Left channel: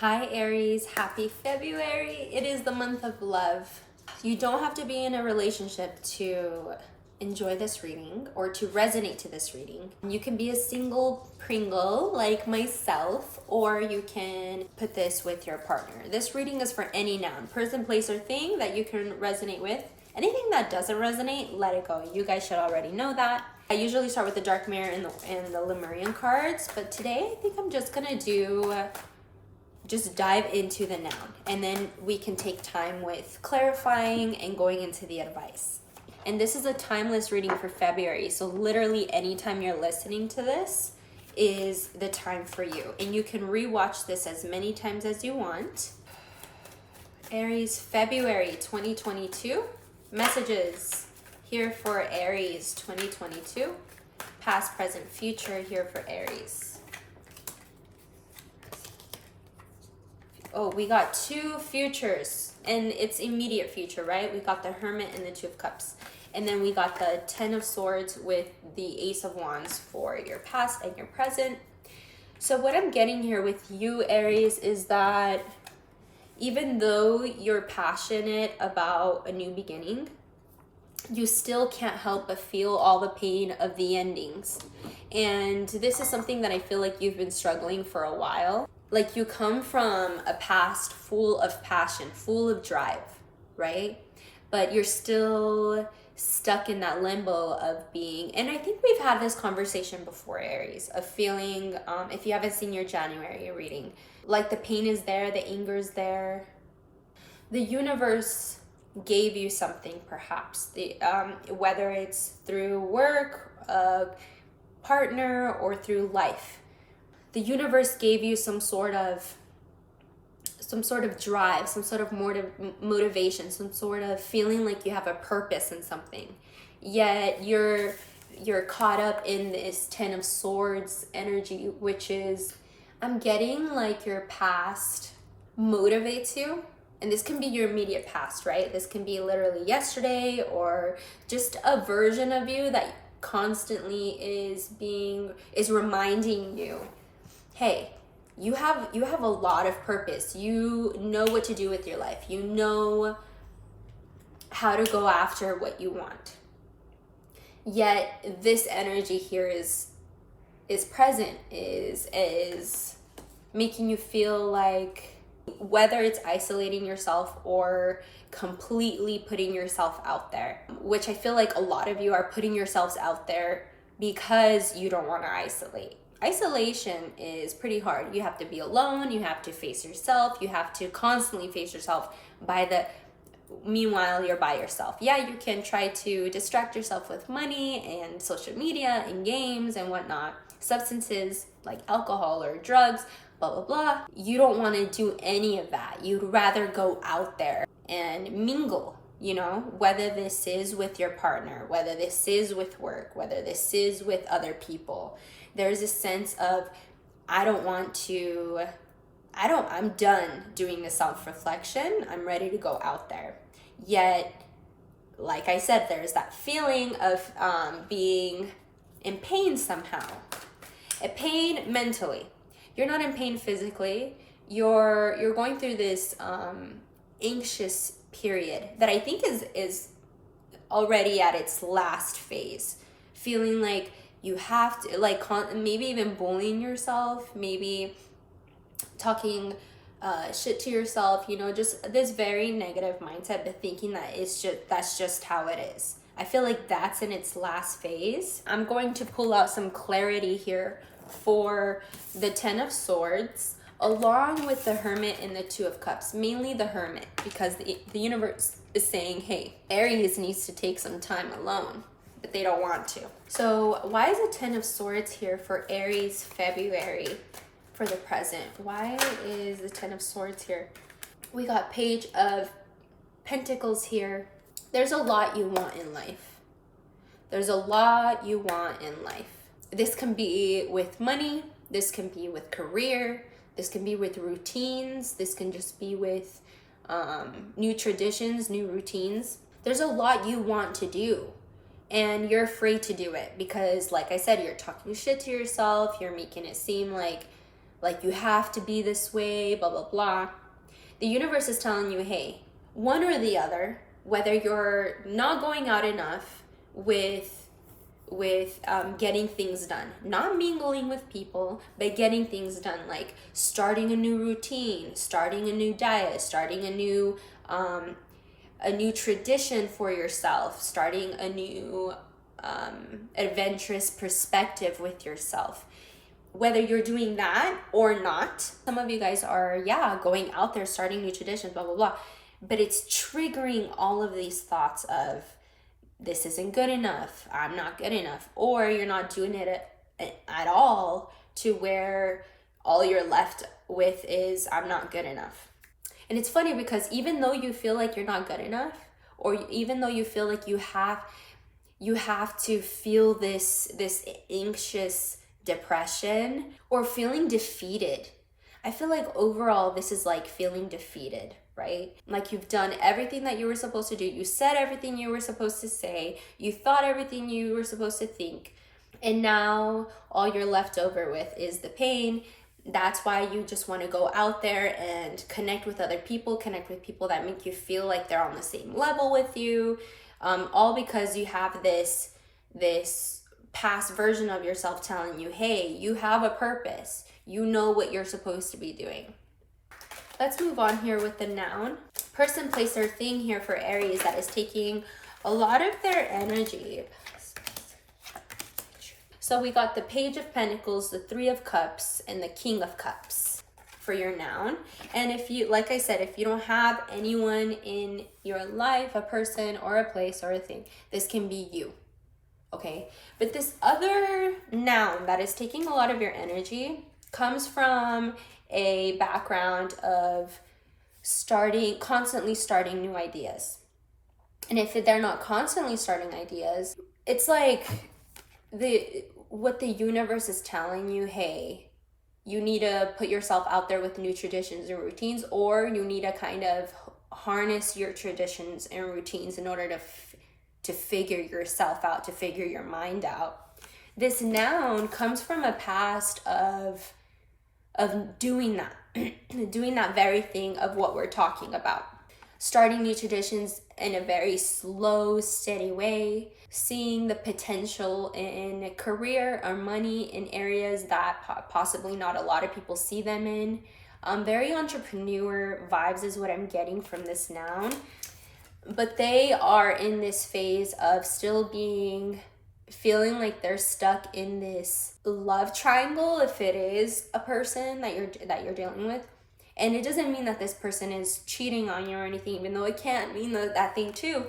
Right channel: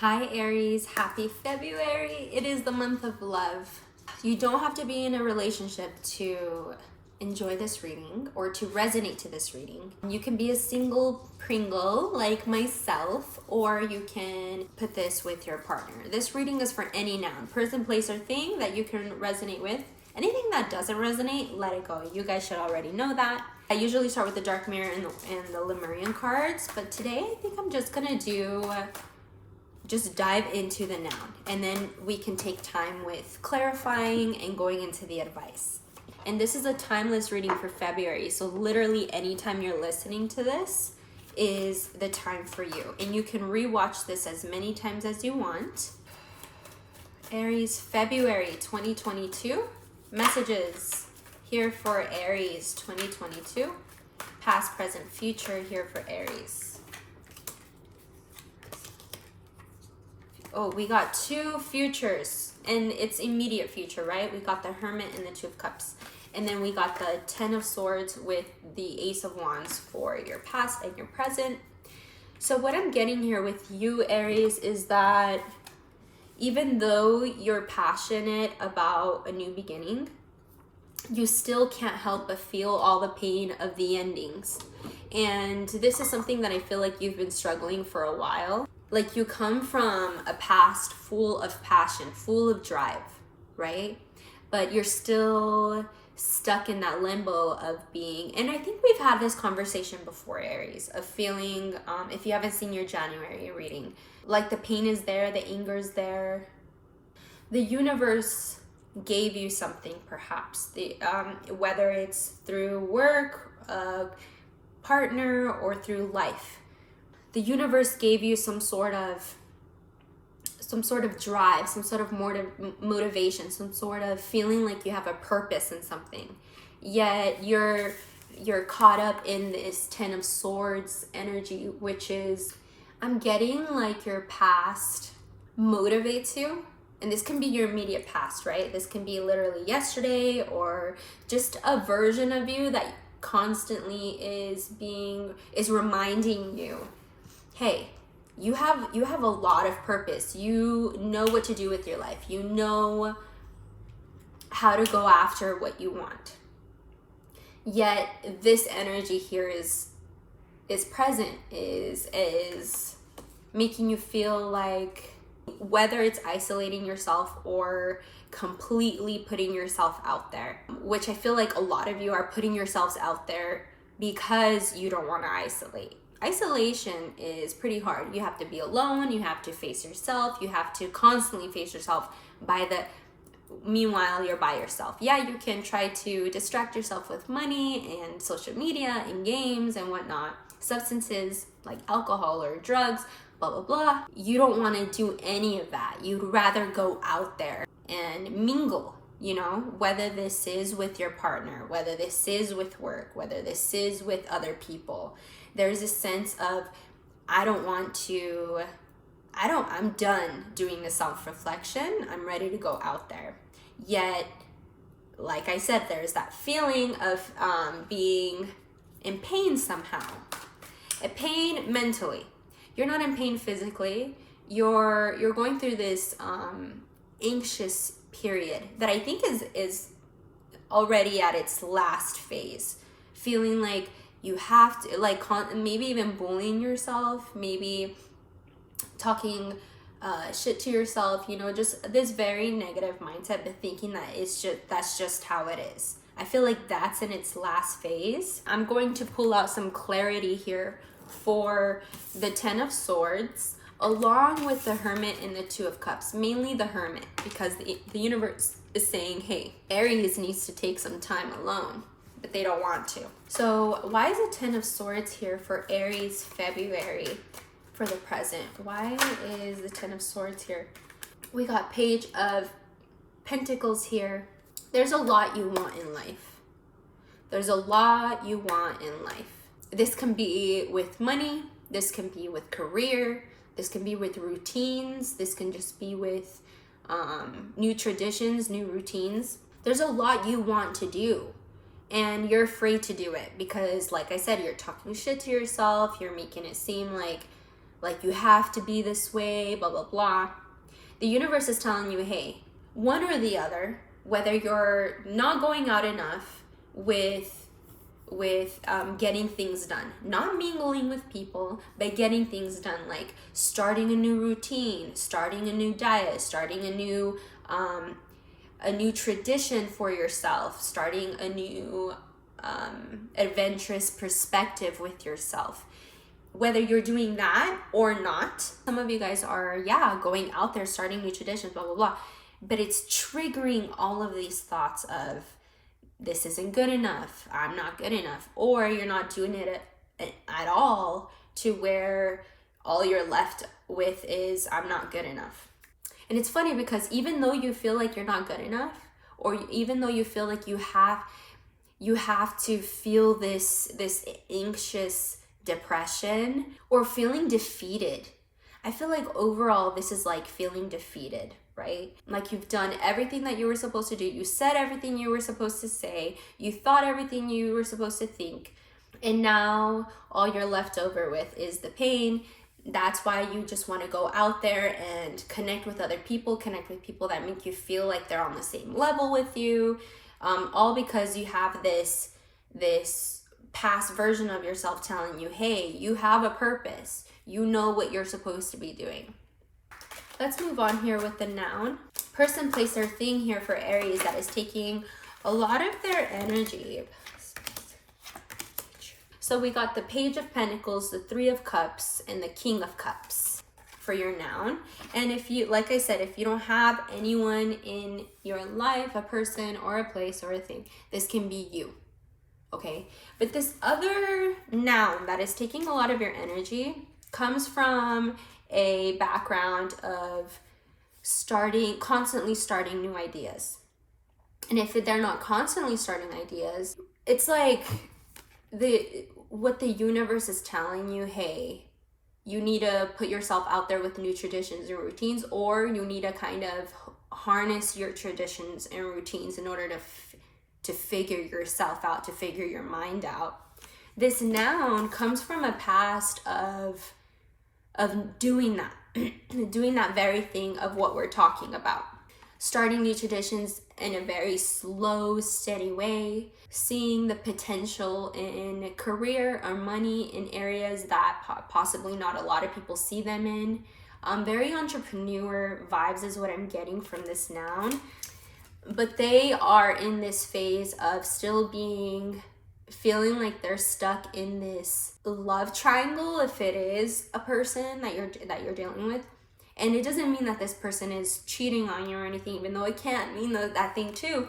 Hi Aries, happy February. It is the month of love. You don't have to be in a relationship to enjoy this reading or to resonate to this reading. You can be a single Pringle like myself, or you can put this with your partner. This reading is for any noun, person, place, or thing that you can resonate with. Anything that doesn't resonate, let it go. You guys should already know that. I usually start with the Dark Mirror and the Lemurian cards, but today I think I'm just gonna just dive into the noun, and then we can take time with clarifying and going into the advice. And this is a timeless reading for February, so literally anytime you're listening to this is the time for you, and you can rewatch this as many times as you want. Aries, February 2022 messages here for Aries 2022, past, present, future here for Aries. Oh, we got two futures, and it's immediate future, right? We got the Hermit and the Two of Cups. And then we got the Ten of Swords with the Ace of Wands for your past and your present. So what I'm getting here with you, Aries, is that even though you're passionate about a new beginning, you still can't help but feel all the pain of the endings. And this is something that I feel like you've been struggling for a while. Like, you come from a past full of passion, full of drive, right? But you're still stuck in that limbo of being, and I think we've had this conversation before, Aries, of feeling, if you haven't seen your January reading, like the pain is there, the anger is there. The universe gave you something, perhaps, whether it's through work, a partner, or through life. The universe gave you some sort of drive, some sort of motivation, some sort of feeling like you have a purpose in something. Yet you're caught up in this Ten of Swords energy, which is, I'm getting like your past motivates you. And this can be your immediate past, right? This can be literally yesterday, or just a version of you that constantly is reminding you, hey, you have a lot of purpose. You know what to do with your life. You know how to go after what you want. Yet this energy here is present, is making you feel like, whether it's isolating yourself or completely putting yourself out there, which I feel like a lot of you are putting yourselves out there because you don't want to isolate. Isolation is pretty hard. You have to be alone, you have to face yourself, you have to constantly face yourself meanwhile you're by yourself. Yeah, you can try to distract yourself with money and social media and games and whatnot, substances like alcohol or drugs, blah blah blah. You don't want to do any of that. You'd rather go out there and mingle, whether this is with your partner, whether this is with work, whether this is with other people. There's a sense of, I'm done doing the self-reflection. I'm ready to go out there. Yet, like I said, there's that feeling of being in pain somehow. A pain mentally. You're not in pain physically. You're going through this anxious period that I think is already at its last phase. Feeling like you have to, like, maybe even bullying yourself, maybe talking shit to yourself, just this very negative mindset, but thinking that that's just how it is. I feel like that's in its last phase. I'm going to pull out some clarity here for the Ten of Swords, along with the Hermit and the Two of Cups, mainly the Hermit, because the universe is saying, hey, Aries needs to take some time alone, but they don't want to. So why is the Ten of Swords here for Aries February for the present? Why is the Ten of Swords here? We got Page of Pentacles here. There's a lot you want in life. There's a lot you want in life. This can be with money. This can be with career. This can be with routines. This can just be with new traditions, new routines. There's a lot you want to do, and you're afraid to do it because, like I said, you're talking shit to yourself. You're making it seem like like you have to be this way, blah, blah, blah. The universe is telling you, hey, one or the other, whether you're not going out enough with getting things done, not mingling with people, but getting things done, like starting a new routine, starting a new diet, starting a new tradition for yourself, starting a new adventurous perspective with yourself. Whether you're doing that or not, some of you guys are, going out there, starting new traditions, blah, blah, blah. But it's triggering all of these thoughts of, this isn't good enough, I'm not good enough, or you're not doing it at all, to where all you're left with is, I'm not good enough. And it's funny because even though you feel like you're not good enough, or even though you feel like you have to feel this anxious depression or feeling defeated, I feel like overall this is like feeling defeated, right? Like you've done everything that you were supposed to do. You said everything you were supposed to say. You thought everything you were supposed to think. And now all you're left over with is the pain. That's why you just want to go out there and connect with other people, connect with people that make you feel like they're on the same level with you. All because you have this past version of yourself telling you, hey, you have a purpose. You know what you're supposed to be doing. Let's move on here with the noun. Person, place, or thing here for Aries that is taking a lot of their energy. So we got the Page of Pentacles, the Three of Cups, and the King of Cups for your noun. And if you, like I said, if you don't have anyone in your life, a person or a place or a thing, this can be you, okay? But this other noun that is taking a lot of your energy comes from a background of constantly starting new ideas. And if they're not constantly starting ideas, it's like what the universe is telling you, hey, you need to put yourself out there with new traditions and routines, or you need to kind of harness your traditions and routines in order to figure yourself out, to figure your mind out. This noun comes from a past of doing that, doing that very thing of what we're talking about. Starting new traditions in a very slow, steady way, seeing the potential in career or money in areas that possibly not a lot of people see them in. Very entrepreneur vibes is what I'm getting from this noun. But they are in this phase of still feeling like they're stuck in this love triangle, if it is a person that you're dealing with. And it doesn't mean that this person is cheating on you or anything, even though it can't mean that thing too.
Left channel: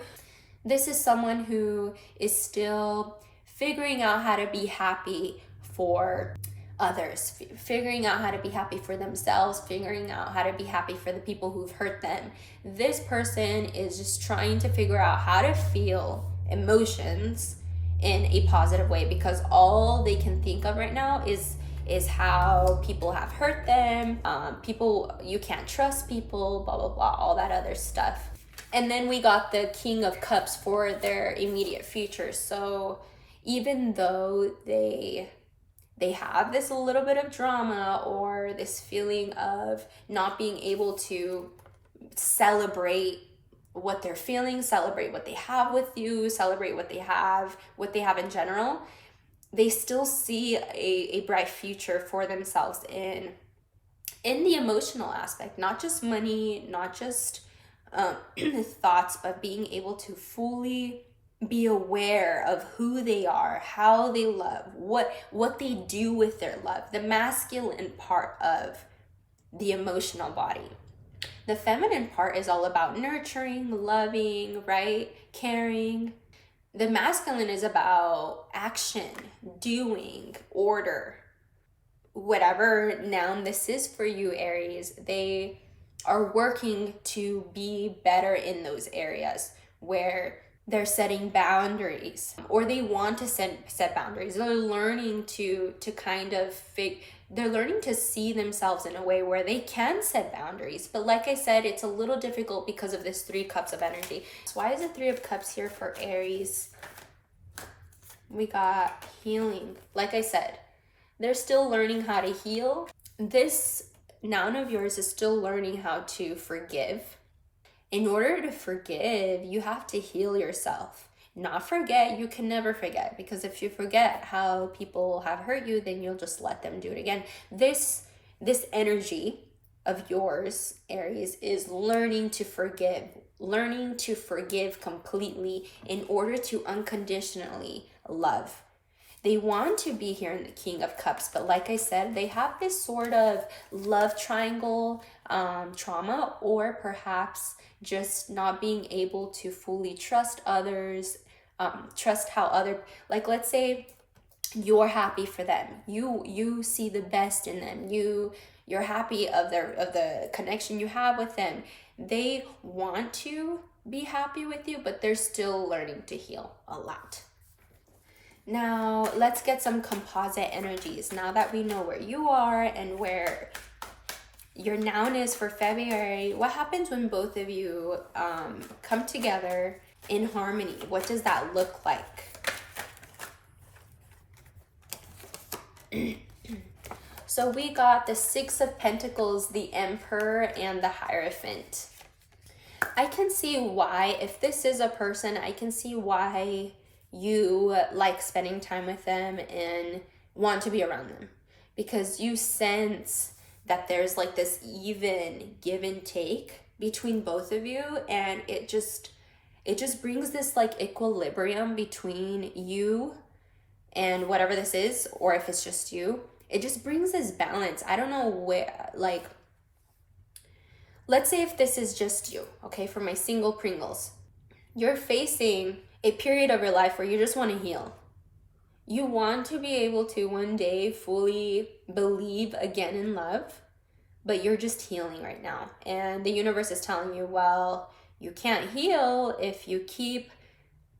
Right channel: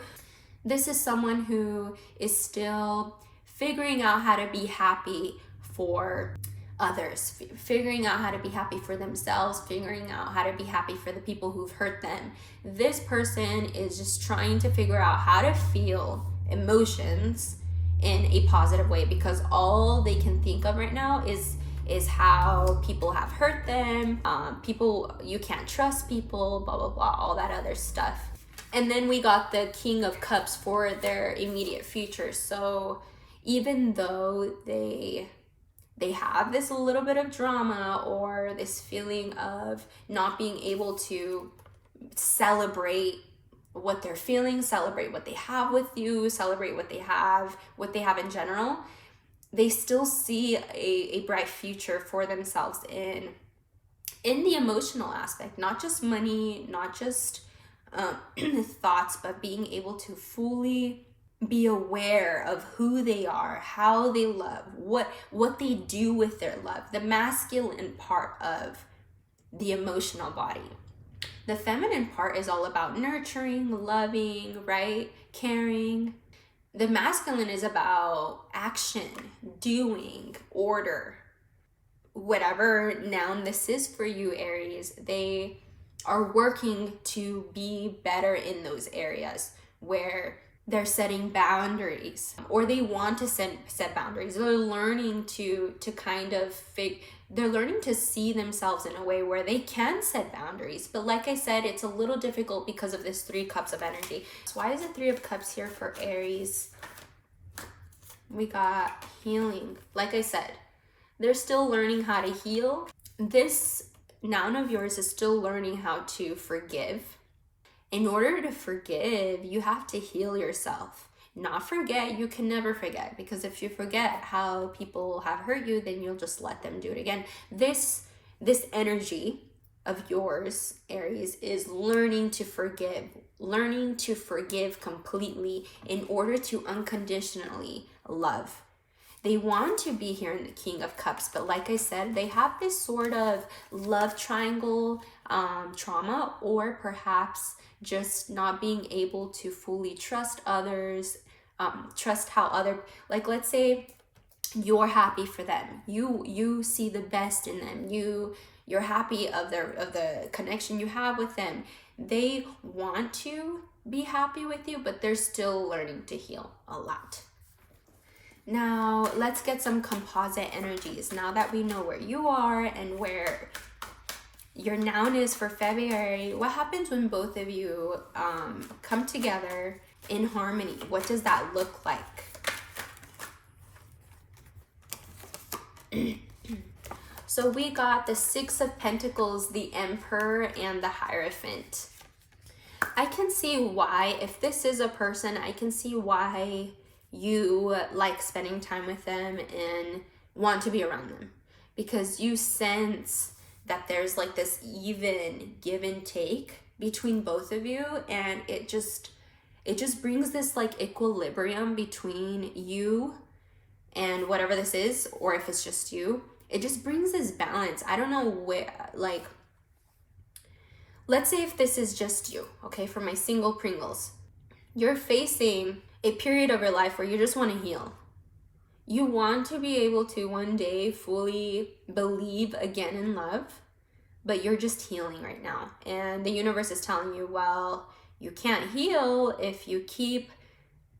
This is someone who is still figuring out how to be happy for others, figuring out how to be happy for themselves, figuring out how to be happy for the people who've hurt them. This person is just trying to figure out how to feel emotions in a positive way, because all they can think of right now is how people have hurt them, you can't trust people, blah, blah, blah, all that other stuff. And then we got the King of Cups for their immediate future. So even though they have this little bit of drama or this feeling of not being able to celebrate what they're feeling, celebrate what they have with you, celebrate what they have in general, they still see a bright future for themselves in the emotional aspect, not just money, not just thoughts, but being able to fully be aware of who they are, how they love, what they do with their love, the masculine part of the emotional body. The feminine part is all about nurturing, loving, right? Caring. The masculine is about action, doing, order. Whatever noun this is for you, Aries, they are working to be better in those areas where they're setting boundaries, or they want to set boundaries. They're learning they're learning to see themselves in a way where they can set boundaries. But like I said, it's a little difficult because of this 3 cups of energy. So why is it 3 of cups here for Aries? We got healing. Like I said, they're still learning how to heal. This noun of yours is still learning how to forgive. In order to forgive, you have to heal yourself. Not forget. You can never forget, because if you forget how people have hurt you, then you'll just let them do it again. This energy of yours, Aries, is learning to forgive completely in order to unconditionally love. They want to be here in the King of Cups, but like I said, they have this sort of love triangle trauma, or perhaps just not being able to fully trust others, trust how like, let's say you're happy for them, you see the best in them, you're happy of the connection you have with them. They want to be happy with you, but they're still learning to heal a lot. Now, let's get some composite energies. Now that we know where you are and where your noun is for February, what happens when both of you come together in harmony? What does that look like? So we got the Six of Pentacles, the Emperor, and the Hierophant. I can see why, if this is a person, I can see why you like spending time with them and want to be around them, because you sense that there's like this even give and take between both of you, and it just brings this like equilibrium between you and whatever this is, or if it's just you, it just brings this balance. I don't know where, like, let's say if this is just you, okay, for my single Pringles, you're facing a period of your life where you just want to heal. You want to be able to one day fully believe again in love, but you're just healing right now. And the universe is telling you, well, you can't heal if you keep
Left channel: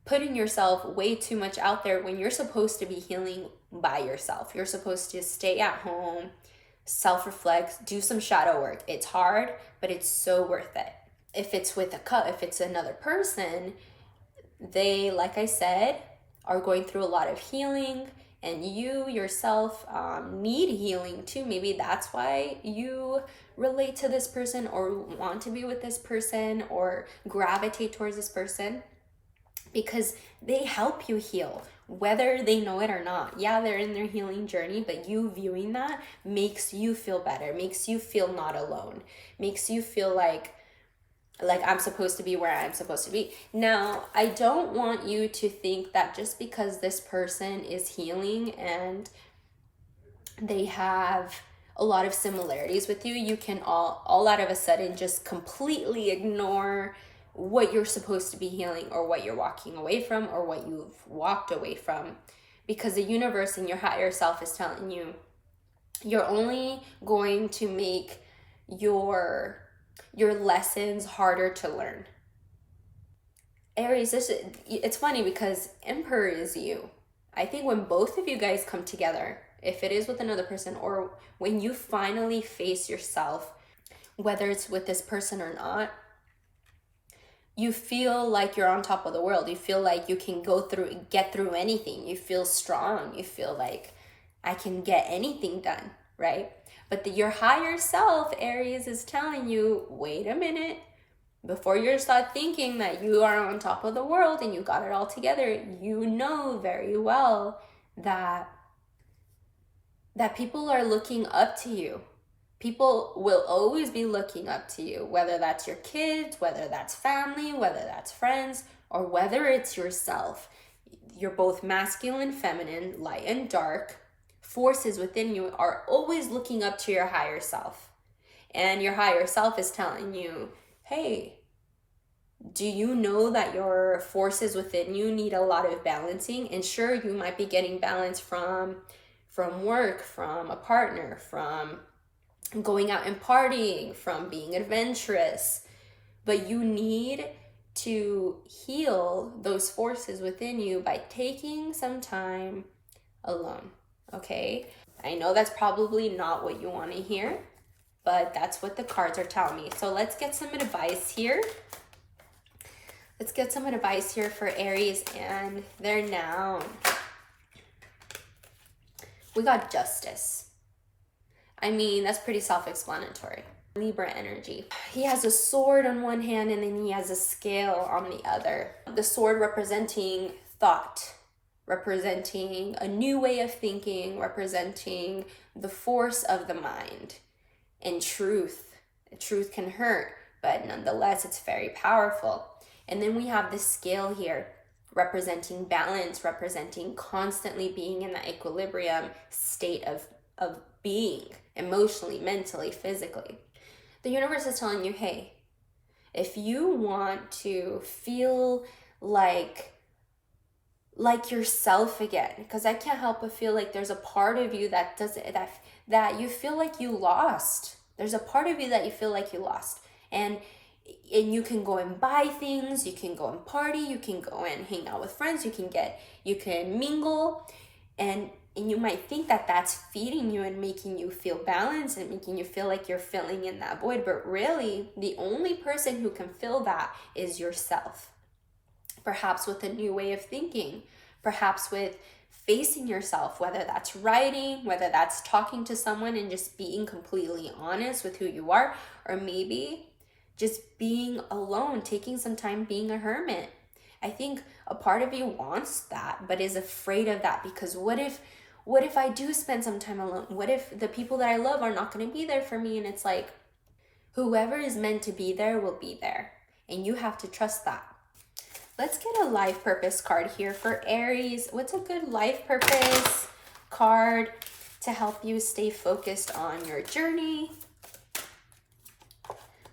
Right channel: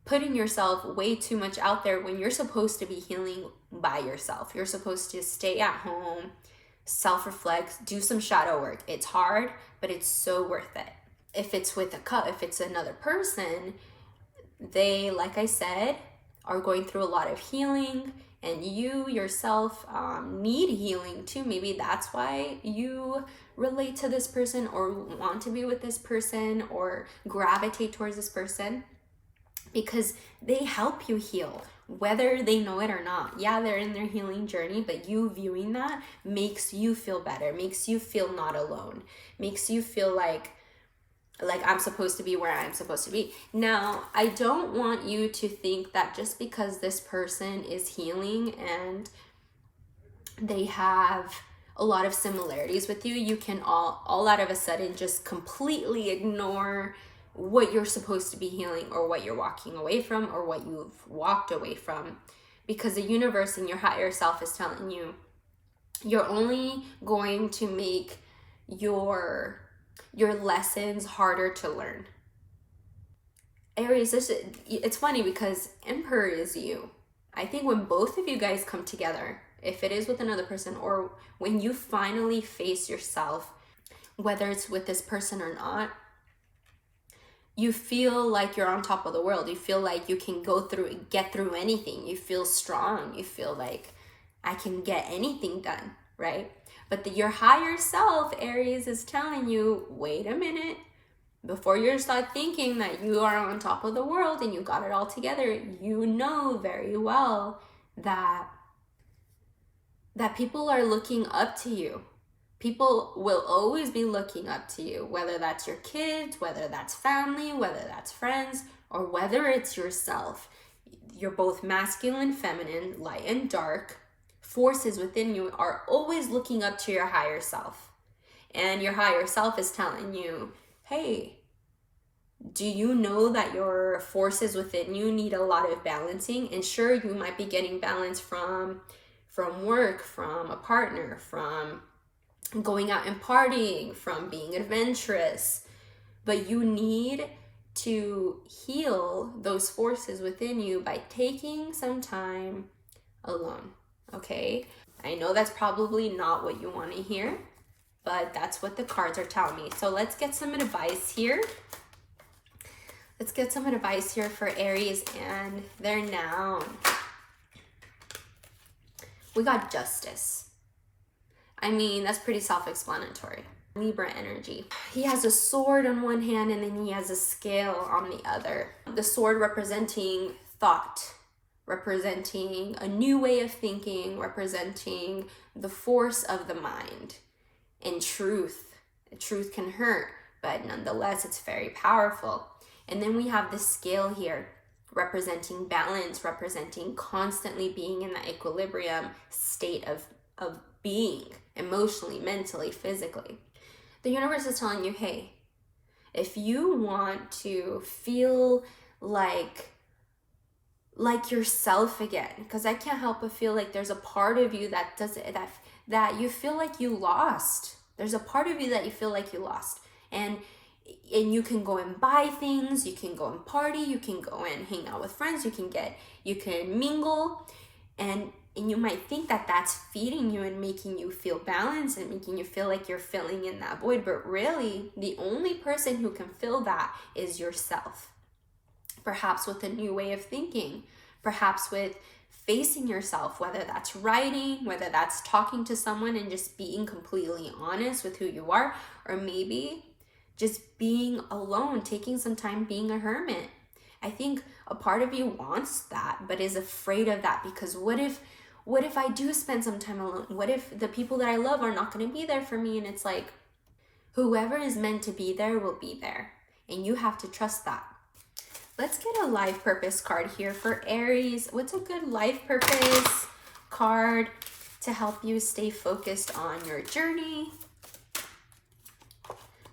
putting yourself way too much out there when you're supposed to be healing by yourself. You're supposed to stay at home, self-reflect, do some shadow work. It's hard, but it's so worth it. If it's with if it's another person, they, like I said, are going through a lot of healing, and you yourself need healing too. Maybe that's why you relate to this person, or want to be with this person, or gravitate towards this person, because they help you heal, whether they know it or not. Yeah, they're in their healing journey, but you viewing that makes you feel better, makes you feel not alone, makes you feel like I'm supposed to be where I'm supposed to be. Now, I don't want you to think that just because this person is healing and they have a lot of similarities with you, you can all out of a sudden just completely ignore what you're supposed to be healing, or what you're walking away from, or what you've walked away from. Because the universe and your higher self is telling you, you're only going to make your lessons harder to learn. Aries, it's funny because Emperor is you. I think when both of you guys come together, if it is with another person, or when you finally face yourself, whether it's with this person or not, you feel like you're on top of the world. You feel like you can get through anything. You feel strong. You feel like I can get anything done, right? But your higher self, Aries, is telling you, wait a minute. Before you start thinking that you are on top of the world and you got it all together, you know very well that people are looking up to you. People will always be looking up to you, whether that's your kids, whether that's family, whether that's friends, or whether it's yourself. You're both masculine, feminine, light and dark. Forces within you are always looking up to your higher self. And your higher self is telling you, hey, do you know that your forces within you need a lot of balancing? And sure, you might be getting balance from work, from a partner, from going out and partying, from being adventurous, but you need to heal those forces within you by taking some time alone. Okay, I know that's probably not what you want to hear, but that's what the cards are telling me. So let's get some advice here. Let's get some advice here for Aries and their noun. We got Justice. I mean, that's pretty self-explanatory. Libra energy. He has a sword on one hand and then he has a scale on the other. The sword representing thought, representing a new way of thinking, representing the force of the mind, and truth. Truth can hurt, but nonetheless, it's very powerful. And then we have the scale here, representing balance, representing constantly being in that equilibrium state of being, emotionally, mentally, physically. The universe is telling you, hey, if you want to feel like yourself again, because I can't help but feel like there's a part of you that that you feel like you lost. There's a part of you that you feel like you lost. And you can go and buy things, you can go and party, you can go and hang out with friends, you can mingle, and you might think that that's feeding you and making you feel balanced and making you feel like you're filling in that void. But really, the only person who can fill that is yourself. Perhaps with a new way of thinking, perhaps with facing yourself, whether that's writing, whether that's talking to someone and just being completely honest with who you are, or maybe just being alone, taking some time being a hermit. I think a part of you wants that, but is afraid of that, because what if I do spend some time alone? What if the people that I love are not going to be there for me? And it's like, whoever is meant to be there will be there, and you have to trust that. Let's get a life purpose card here for Aries. What's a good life purpose card to help you stay focused on your journey?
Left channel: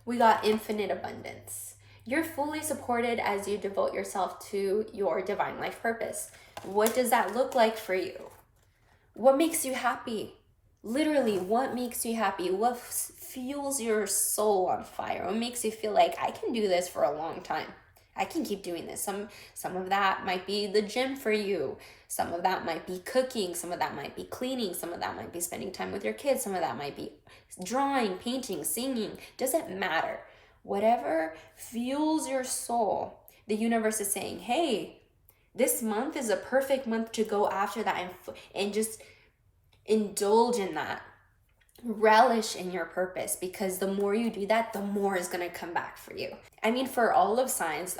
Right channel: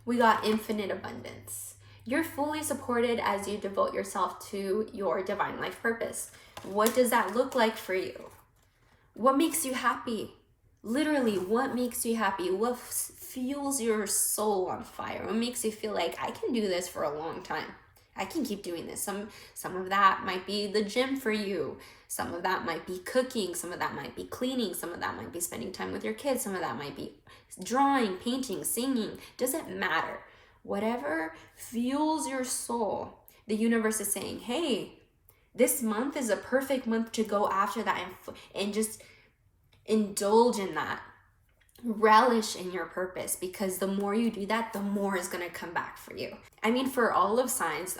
We got infinite abundance. You're fully supported as you devote yourself to your divine life purpose. What does that look like for you? What makes you happy? Literally, what makes you happy? What fuels your soul on fire? What makes you feel like I can do this for a long time? I can keep doing this. Some of that might be the gym for you. Some of that might be cooking. Some of that might be cleaning. Some of that might be spending time with your kids. Some of that might be drawing, painting, singing. Doesn't matter. Whatever fuels your soul, the universe is saying, hey, this month is a perfect month to go after that and just indulge in that. Relish in your purpose, because the more you do that, the more is going to come back for you. I mean, for all of signs,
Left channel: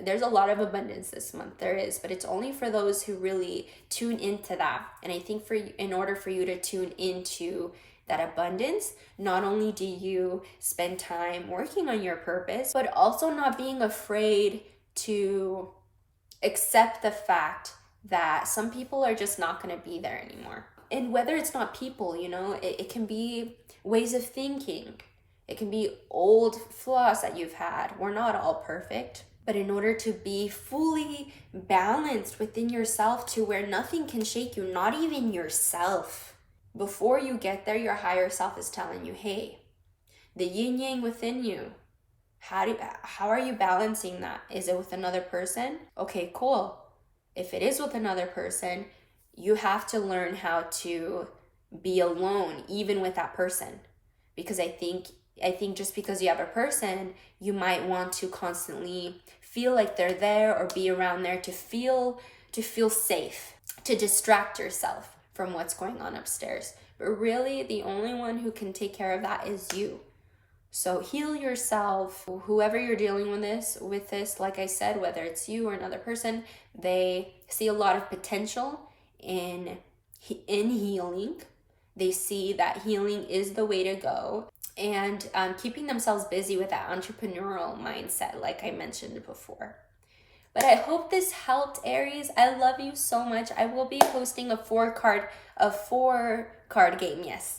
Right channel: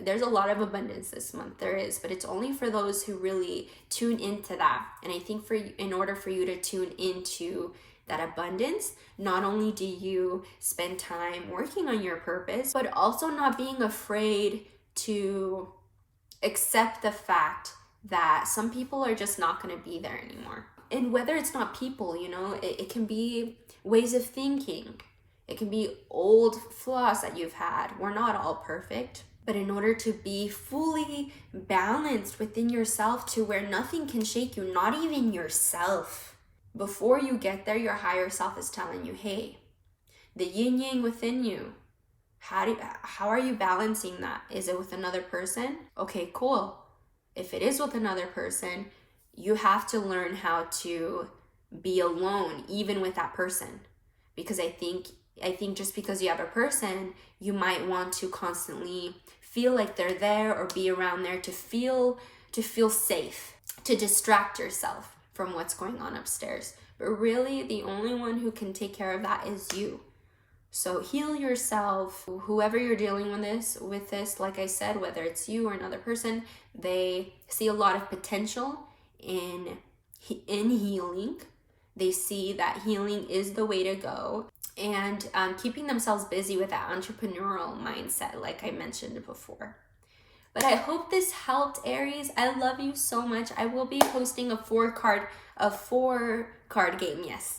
there's a lot of abundance this month. There is, but it's only for those who really tune into that. And I think in order for you to tune into that abundance, not only do you spend time working on your purpose, but also not being afraid to accept the fact that some people are just not going to be there anymore. And whether it's not people, it can be ways of thinking. It can be old flaws that you've had. We're not all perfect. But in order to be fully balanced within yourself to where nothing can shake you, not even yourself, before you get there, your higher self is telling you, hey, the yin yang within you, how are you balancing that? Is it with another person? Okay, cool. If it is with another person, you have to learn how to be alone even with that person, because I think just because you have a person, you might want to constantly feel like they're there or be around there to feel safe, to distract yourself from what's going on upstairs. But really, the only one who can take care of that is you. So heal yourself. Whoever you're dealing with this, like I said, whether it's you or another person, they see a lot of potential in healing. They see that healing is the way to go, and keeping themselves busy with that entrepreneurial mindset, like I mentioned before. But I hope this helped, Aries. I love you so much. I will be hosting a four card game, yes,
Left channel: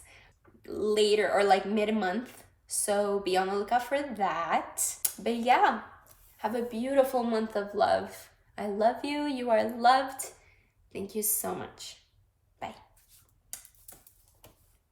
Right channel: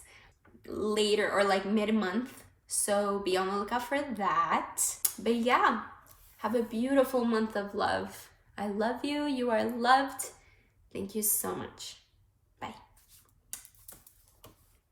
later, or like mid-month. So be on the lookout for that. But yeah, have a beautiful month of love. I love you. You are loved. Thank you so much.